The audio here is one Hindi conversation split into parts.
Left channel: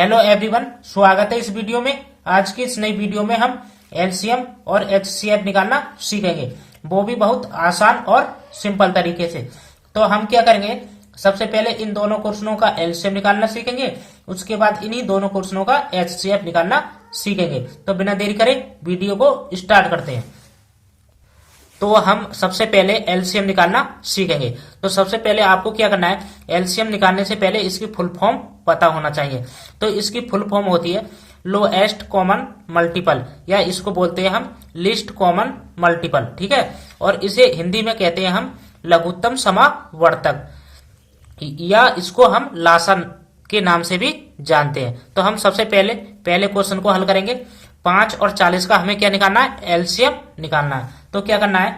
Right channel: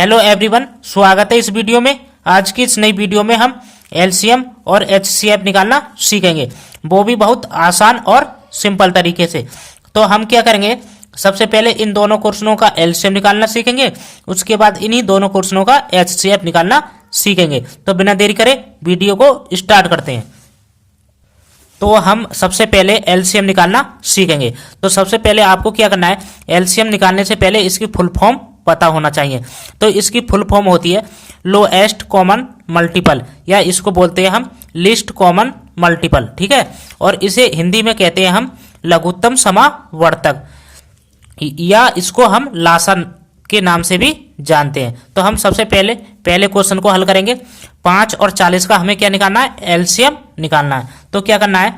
हेलो एवरीवन, स्वागत है इस वीडियो में। आज की इस नई वीडियो में हम एलसीएम और एचसीएफ निकालना सीखेंगे, वो भी बहुत आसान और सिंपल तरीके से। तो हम क्या करेंगे, सबसे पहले इन दोनों क्वेश्चनों का एलसीएम निकालना सीखेंगे, उसके बाद इन्हीं दोनों क्वेश्चनों का एचसीएफ निकालना सीखेंगे। तो बिना देरी करे वीडियो को स्टार्ट करते हैं। तो हम सबसे पहले एलसीएम निकालना सीखेंगे। तो सबसे पहले आपको क्या करना है, एलसीएम निकालने से पहले इसकी फुल फॉर्म पता होना चाहिए। तो इसकी फुल फॉर्म होती है लोएस्ट कॉमन मल्टीपल, या इसको बोलते हैं हम लीस्ट कॉमन मल्टीपल, ठीक है। और इसे हिंदी में कहते हैं हम लघुत्तम समावर्तक, या इसको हम लासन के नाम से भी जानते हैं। तो हम सबसे पहले क्वेश्चन को हल करेंगे। 5 और 40 का हमें क्या निकालना है, एलसीएम निकालना है। तो क्या करना है,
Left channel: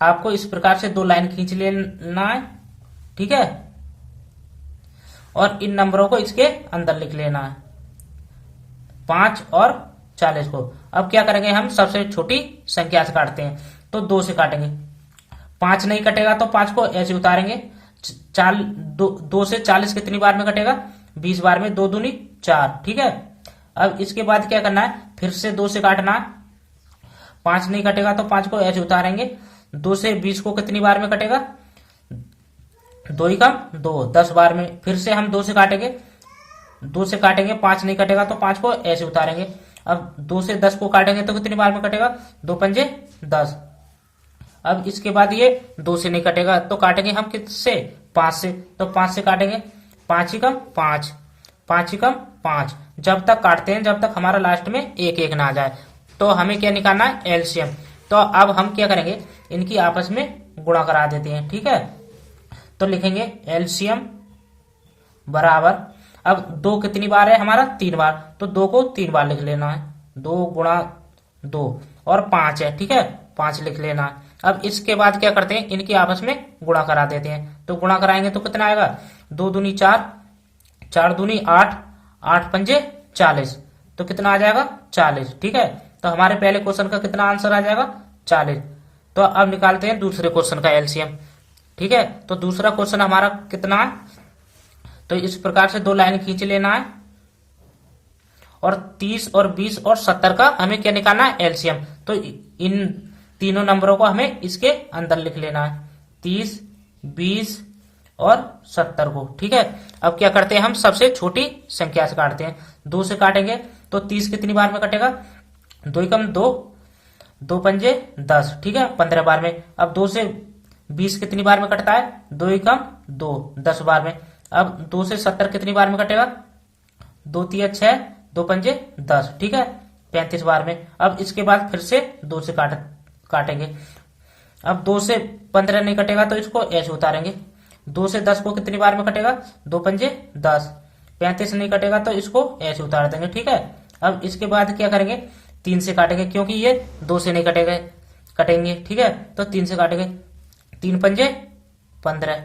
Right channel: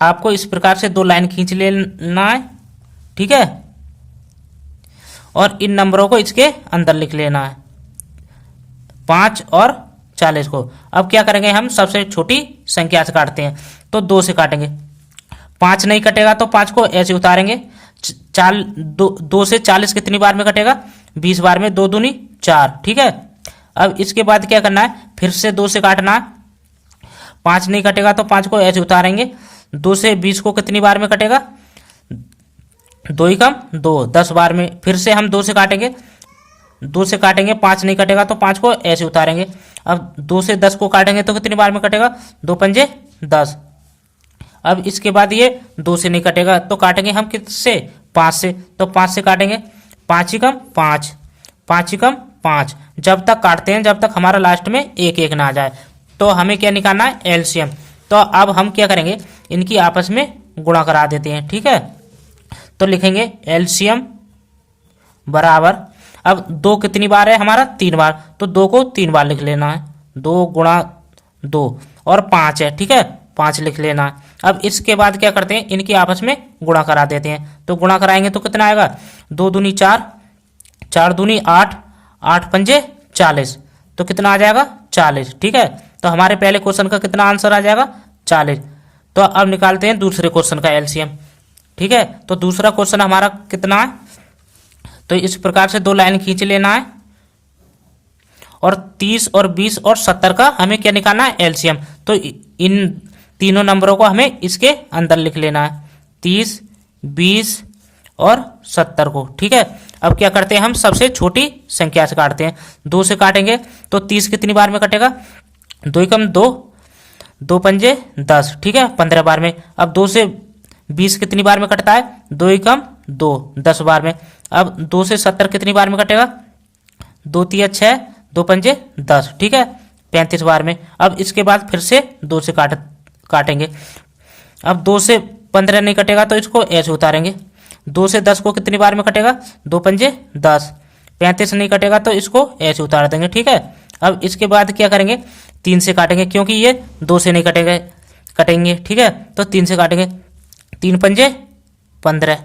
आपको इस प्रकार से दो लाइन खींच लेना है, ठीक है, और इन नंबरों को इसके अंदर लिख लेना है, 5 और 40 को। अब क्या करेंगे, हम सबसे छोटी संख्या से काटते हैं। तो 2 से काटेंगे, 5 नहीं कटेगा तो 5 को ऐसे उतारेंगे। 2 से 40 कितनी बार में कटेगा, 20 बार में, 2 दूनी 4, ठीक है। अब इसके बाद क्या करना है, फिर से 2 से काटना है। 5 नहीं कटेगा तो 5 को ऐसे उतारेंगे। 2 से 20 को कितनी बार में कटेगा, 2 ही कम 2, 10 बार में। फिर से हम 2 से काटेंगे, 2 से काटेंगे, 5 नहीं कटेगा तो 5 को ऐसे उतारेंगे। अब 2 से 10 को काटेंगे तो कितनी बार में कटेगा, 2 पंजे 10। अब इसके बाद ये 2 से नहीं कटेगा तो काटेंगे हम किससे, 5 से। तो 5 से काटेंगे, 5 ही कम 5, 5 ही कम 5, जब तक काटते हैं जब तक हमारा लास्ट में 1 1 ना आ जाए। तो हमें क्या निकालना है, एलसीएम। तो अब हम क्या करेंगे, इनकी आपस में गुणा करा देते हैं, ठीक है। तो लिखेंगे एलसीएम बराबर, अब 2 कितनी बार है हमारा, 3 बार, तो 2 को 3 बार लिख लेना है, 2 गुणा 2, और 5 है, ठीक है, 5 लिख लेना है। अब इसके बाद क्या करते हैं, इनकी आपस में गुणा करा देते हैं। तो गुणा कराएंगे तो कितना आएगा, 2 दूनी 4, 4 दूनी 8, 8 पंजे 40, तो कितना आ जाएगा, 40, ठीक है। तो हमारे पहले क्वेश्चन का कितना आंसर आ जाएगा, 40। तो अब निकालते हैं दूसरे क्वेश्चन का एलसीएम, ठीक है। तो दूसरा क्वेश्चन हमारा कितना है, तो इस प्रकार से 2 लाइन खींच लेना है, और 30 और 20 और 70 का हमें क्या निकालना है, एलसीएम। तो इन तीनों नंबरों को हमें इसके अंदर लिख लेना है, 30, 20 और 70 को, ठीक है। अब क्या करते हैं, हम सबसे छोटी संख्या से काटते हैं। 2 से काटेंगे तो 30 कितनी बार में कटेगा, 2 ही कम 2, 2 पंजे 10, ठीक है, 15 बार में। अब 2 से 20 कितनी बार में कटता है, 2 ही कम 2, 10 बार में। अब 2 से 70 कितनी बार में कटेगा, 2 तिया 6, 2 पंजे 10, ठीक है, 35 बार में। अब इसके बाद फिर से 2 से काटेंगे। अब 2 से 15 नहीं कटेगा तो इसको ऐसे उतारेंगे। 2 से 10 को कितनी बार में कटेगा, 2 पंजे 10, 35 नहीं कटेगा तो इसको ऐसे उतार देंगे, ठीक है। अब इसके बाद क्या करेंगे, 3 से काटेंगे, क्योंकि ये 2 से नहीं कटेंगे, ठीक है। तो 3 से काटेंगे, 3 पंजे 15,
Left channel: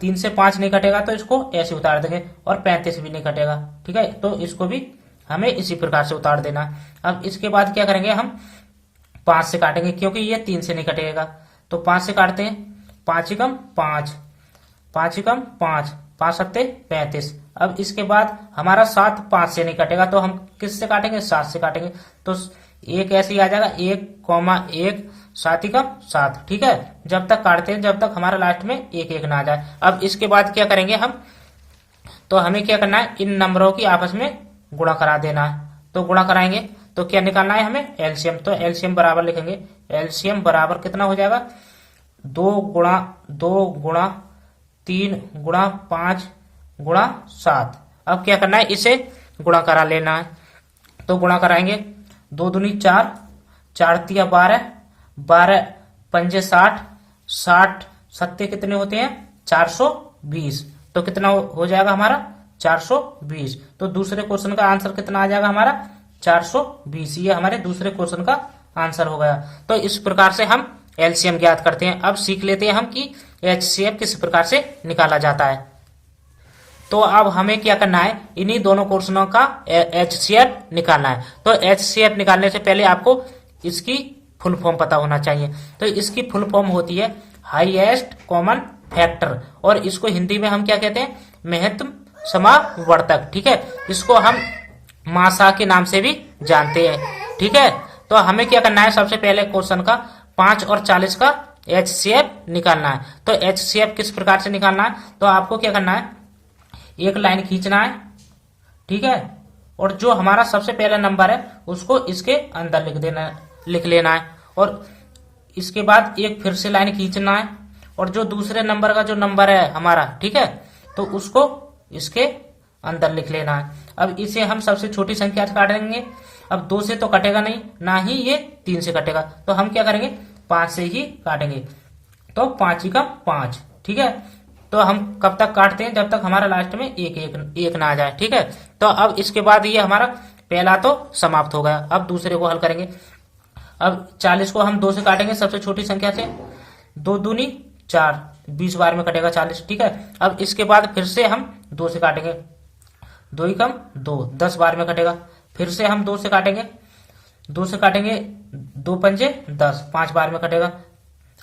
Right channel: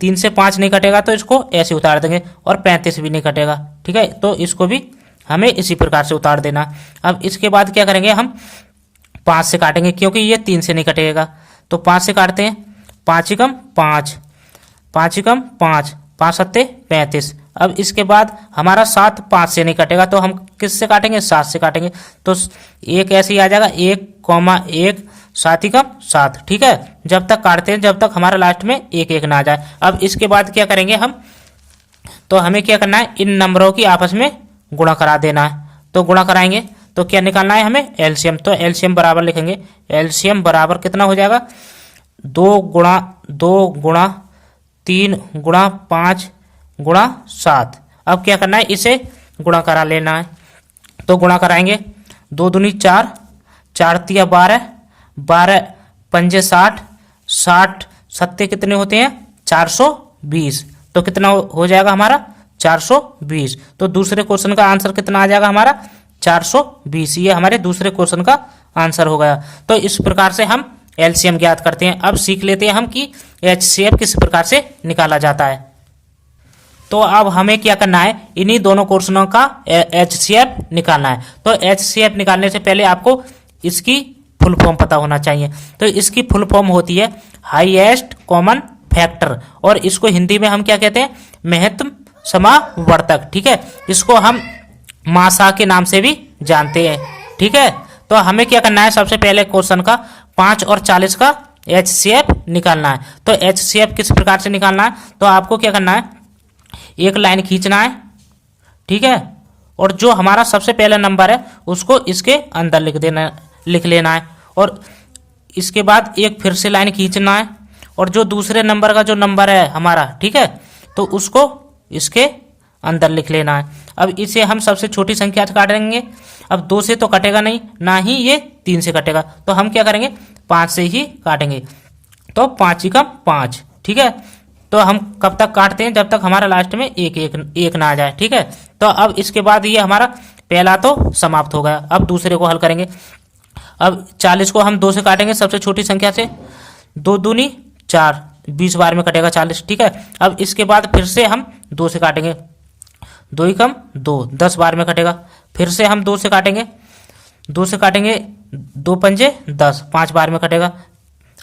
3 से 5 नहीं कटेगा तो इसको ऐसे उतार देंगे, और 35 भी नहीं कटेगा, ठीक है। तो इसको भी हमें इसी प्रकार से उतार देना। अब इसके बाद क्या करेंगे, हम 5 से काटेंगे, क्योंकि ये 3 से नहीं कटेगा। तो 5 से काटते हैं, 5 ही कम 5, 5 ही कम 5, 5 सत्ते 35। अब इसके बाद हमारा 7 5 से नहीं कटेगा तो हम किस से काटेंगे, 7 से काटेंगे। तो एक ऐसे ही आ जाएगा, 1,1, 7 ही कम 7, ठीक है, जब तक काटते हैं जब तक हमारा लास्ट में 1 1 ना आ जाए। अब इसके बाद क्या करेंगे हम, तो हमें क्या करना है, इन नंबरों की आपस में गुणा करा देना है। तो गुणा कराएंगे तो क्या निकालना है हमें, एलसीएम। तो एलसीएम बराबर लिखेंगे, एलसीएम बराबर कितना हो जाएगा, 2 गुणा 3 गुणा 5 गुणा 7। अब क्या करना है, इसे गुणा करा लेना है। तो गुणा कराएंगे, 2 दूनी 4, 4 तिया 12, 12 पंजे 60, 60 सत्ते कितने होते हैं, 420। तो कितना हो जाएगा हमारा, 420। तो दूसरे क्वेश्चन का आंसर कितना आ जाएगा हमारा, 420। ये हमारे दूसरे क्वेश्चन का आंसर हो गया। तो इस प्रकार से हम एलसीएम ज्ञात करते हैं। अब सीख लेते हैं हम कि एचसीएफ किस प्रकार से निकाला जाता है। तो अब हमें क्या करना है, इन्हीं दोनों क्वेश्चनों का एचसीएफ निकालना है। तो एचसीएफ निकालने से पहले आपको इसकी फुल फॉर्म पता होना चाहिए। तो इसकी फुल फॉर्म होती है हाईएस्ट कॉमन फैक्टर, और इसको हिंदी में हम क्या कहते हैं, महत्तम समावर्तक। ठीक है, इसको हम मासा के नाम से भी जानते हैं। ठीक है, तो हमें क्या करना है, सबसे पहले क्वेश्चन का 5 और 40 का HCF निकालना है। तो HCF किस प्रकार से निकालना है, तो आपको क्या करना है, एक लाइन खींचना है। ठीक है, और जो हमारा सबसे पहला नंबर है उसको इसके अंदर लिख लेना है, और इसके बाद एक फिर से लाइन खींचना है, और जो दूसरे नंबर का जो नंबर है हमारा, ठीक है, तो उसको इसके अंदर लिख लेना है। अब इसे हम सबसे छोटी संख्या से काटेंगे। अब 2 से तो कटेगा नहीं, ना ही ये 3 से कटेगा, तो हम क्या करेंगे, 5 से ही काटेंगे। तो 5 का 5। ठीक है, तो हम कब तक काटते हैं, जब तक हमारा लास्ट में एक ना आ जाए। ठीक है, तो अब इसके बाद ये हमारा पहला तो समाप्त हो गया। अब दूसरे को हल करेंगे। अब 40 को हम 2 से काटेंगे, सबसे छोटी संख्या से। 2 दूनी 4, 20 बार में कटेगा 40। ठीक है, अब इसके बाद फिर से हम 2 से काटेंगे। 2 ही कम 2, 10 बार में कटेगा। फिर से हम 2 से काटेंगे। 2 से काटेंगे, 2 पंजे 10, 5 बार में कटेगा।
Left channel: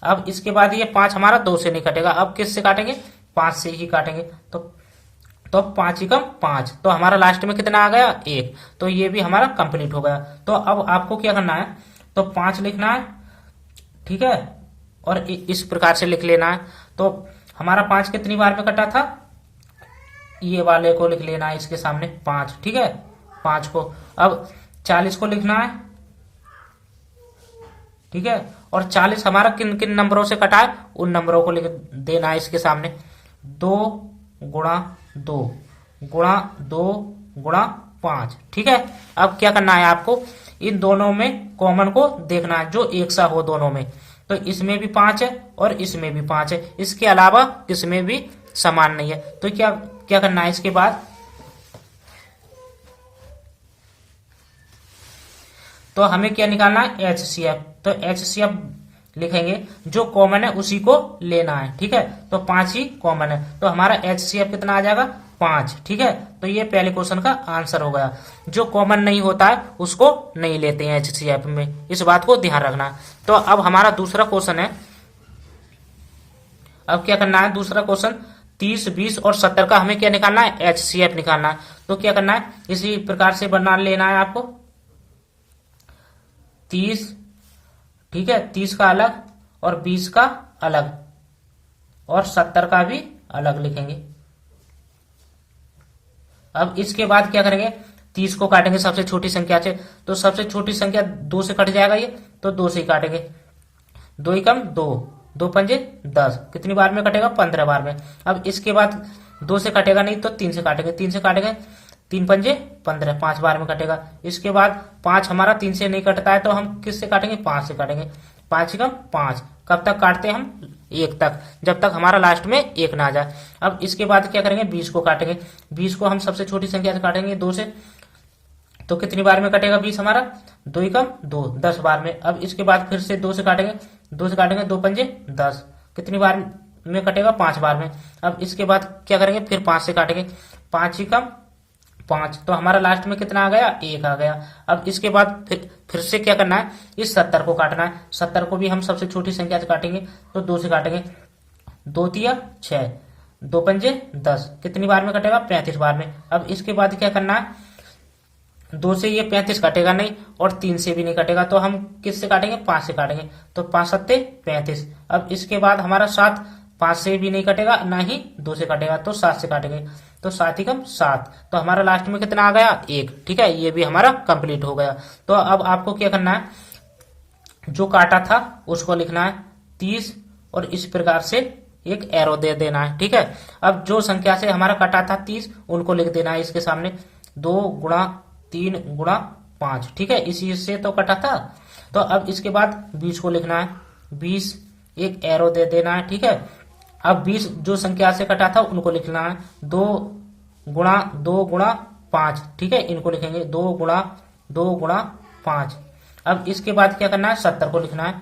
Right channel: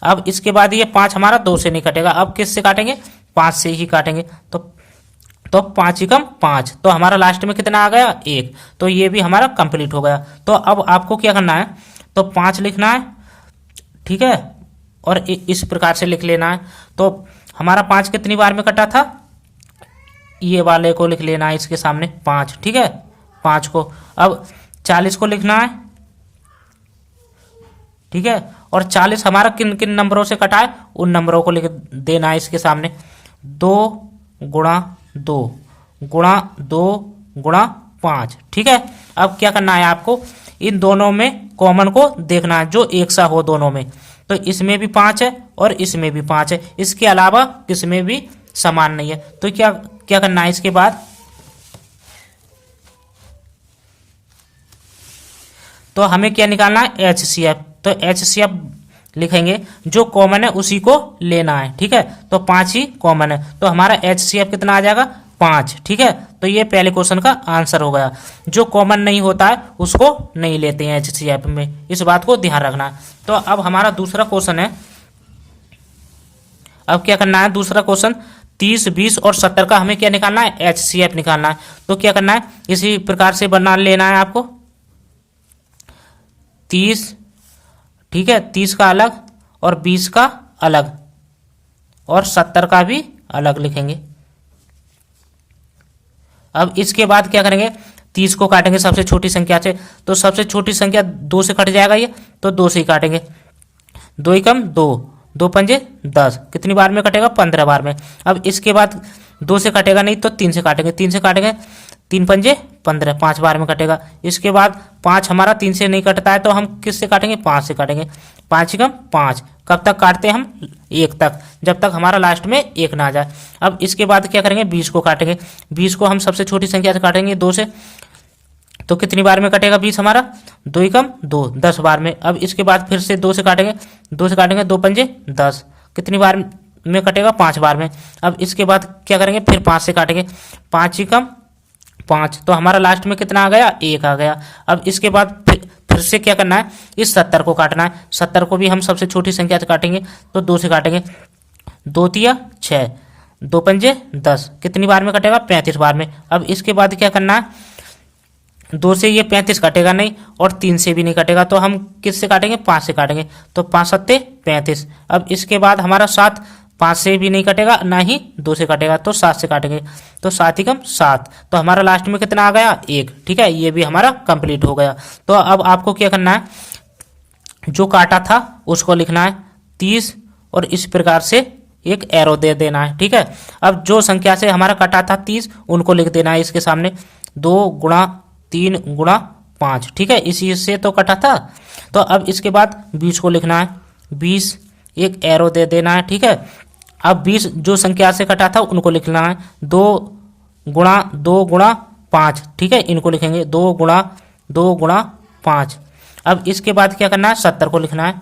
अब इसके बाद ये 5 हमारा 2 से नहीं कटेगा, अब किस से काटेंगे, 5 से ही काटेंगे। तो 5 ही कम 5, तो हमारा लास्ट में कितना आ गया, 1। तो ये भी हमारा कंप्लीट हो गया। तो अब आपको क्या करना है, तो 5 लिखना है। ठीक है, और इस प्रकार से लिख लेना है। तो हमारा 5 कितनी बार में कटा था, ये वाले को लिख लेना है इसके सामने 5। ठीक है, 5 को। अब 40 को लिखना है। ठीक है, और 40 हमारा किन किन नंबरों से कटा है, उन नंबरों को लिख देना है इसके सामने। 2 गुणा 2 गुणा 2 गुणा 5। ठीक है, अब क्या करना है आपको, इन दोनों में कॉमन को देखना है, जो एक सा हो दोनों में। तो इसमें भी 5 है और इसमें भी 5 है, इसके अलावा किसमें भी समान नहीं है। तो क्या करना है, इसके बाद तो हमें क्या निकालना है, HCF। तो HCF लिखेंगे, जो कॉमन है उसी को लेना है। ठीक है, तो 5 ही कॉमन है, तो हमारा HCF कितना आ जाएगा, 5। ठीक है, तो ये पहले क्वेश्चन का आंसर हो गया। जो कॉमन नहीं होता है उसको नहीं लेते हैं HCF में, इस बात को ध्यान रखना। तो अब हमारा दूसरा क्वेश्चन है। अब क्या करना है, दूसरा क्वेश्चन 30, 20 और 70 का हमें क्या निकालना है, HCF निकालना है। तो क्या करना है, इसी प्रकार से बना लेना है आपको। 30, ठीक है, 30 का अलग और 20 का अलग, और 70 का भी अलग लिखेंगे। अब इसके बाद क्या करेंगे, 30 को काटेंगे सबसे छोटी संख्या से। तो सबसे छोटी संख्या 2 से कट जाएगा ये, तो 2 से ही काटेंगे। 2 ही कम 2, 2 पंजे 10, कितनी बार में कटेगा, 15 बार में। अब इसके बाद 2 से कटेगा नहीं, तो 3 से काटेंगे। 3 से काटेंगे, 3 पंजे 15, 5 बार में कटेगा। इसके बाद 5 हमारा 3 से नहीं कटता है, तो हम किस से काटेंगे, 5 से काटेंगे। 5 ही कम 5, कब तक काटते हैं हम, 1 तक, जब तक हमारा लास्ट में 1 ना आ जाए। अब इसके बाद क्या करेंगे, 20 को काटेंगे। 20 को हम सबसे छोटी संख्या से काटेंगे, 2 से। तो कितनी बार में कटेगा 20 हमारा, 2 ही कम 2, 10 बार में। अब इसके बाद फिर से 2 से काटेंगे। 2 से काटेंगे, 2 पंजे 10, कितनी बार में कटेगा, 5 बार में। अब इसके बाद क्या करेंगे, फिर 5 से काटेंगे। 5 ही कम 5, तो हमारा लास्ट में कितना आ गया, 1 आ गया। अब इसके बाद फिर से क्या करना है, इस 70 को काटना है। 70 को भी हम सबसे छोटी संख्या से काटेंगे, तो 2 से काटेंगे। 2 तिया 6, 2 पंजे 10, कितनी बार में कटेगा, 35 बार में। अब इसके बाद क्या करना है, 2 से ये 35 कटेगा नहीं, और 3 से भी नहीं कटेगा, तो हम किस से काटेंगे, 5 से काटेंगे। तो 5 सत्ते 35। अब इसके बाद हमारा 7, 5 से भी नहीं कटेगा, ना ही 2 से कटेगा, तो 7 से काटेंगे। तो 7 ही कम 7, तो हमारा लास्ट में कितना आ गया, 1। ठीक है, ये भी हमारा कंप्लीट हो गया। तो अब आपको क्या करना है, जो काटा था उसको लिखना है 30, और इस प्रकार से एक एरो दे देना है। ठीक है, अब जो संख्या से हमारा कटा था 30, उनको लिख देना है इसके सामने। 2 गुणा 3 गुणा 5। ठीक है, इसी से तो कटा था। तो अब इसके बाद 20 को लिखना है, 20 एक एरो दे देना है। ठीक है, अब 20 जो संख्या से कटा था उनको लिखना है। 2 गुणा 5। ठीक है, इनको लिखेंगे 2 गुणा 5। अब इसके बाद क्या करना है, 70 को लिखना है,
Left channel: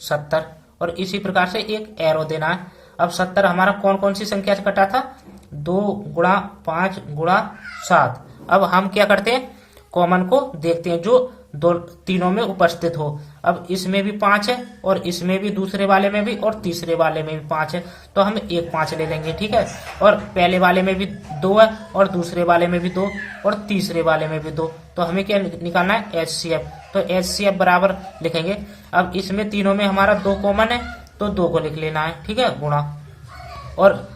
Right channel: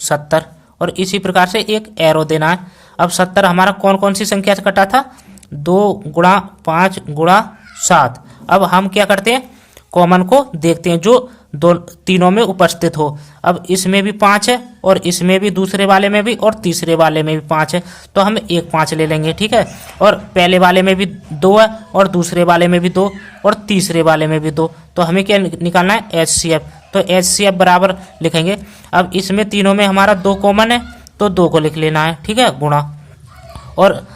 70, और इसी प्रकार से एक एरो देना है। अब 70 हमारा कौन कौन सी संख्या से कटा था, 2 गुणा 5 गुणा 7। अब हम क्या करते हैं, कॉमन को देखते हैं, जो दो तीनों में उपस्थित हो। अब इसमें भी 5 है और इसमें भी, दूसरे वाले में भी और तीसरे वाले में भी 5 है, तो हम एक 5 ले लेंगे, ठीक है। और पहले वाले में भी 2 है और दूसरे वाले में भी 2 और तीसरे वाले में भी 2, तो हमें क्या निकालना है, HCF। तो HCF बराबर लिखेंगे, अब इसमें तीनों में हमारा 2 कॉमन है तो 2 को लिख लेना है, ठीक है, गुणा, और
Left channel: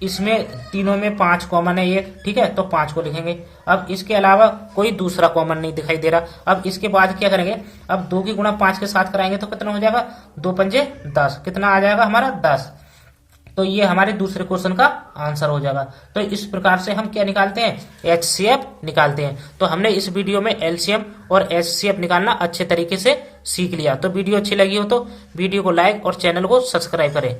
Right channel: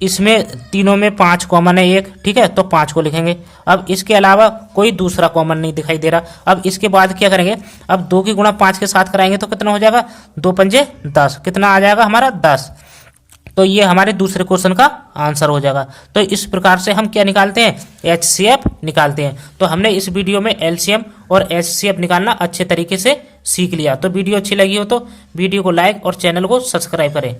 इसमें तीनों में 5 कॉमन है एक, ठीक है, तो 5 को लिखेंगे। अब इसके अलावा कोई दूसरा कॉमन नहीं दिखाई दे रहा। अब इसके बाद क्या करेंगे, अब 2 की गुणा 5 के साथ कराएंगे तो कितना हो जाएगा, 2 पंजे 10, कितना आ जाएगा हमारा 10। तो ये हमारे दूसरे क्वेश्चन का आंसर हो जाएगा। तो इस प्रकार से हम क्या निकालते हैं, HCF निकालते हैं। तो हमने इस वीडियो में LCM और HCF निकालना अच्छे तरीके से सीख लिया। तो वीडियो अच्छी लगी हो तो वीडियो को लाइक और चैनल को सब्सक्राइब करें।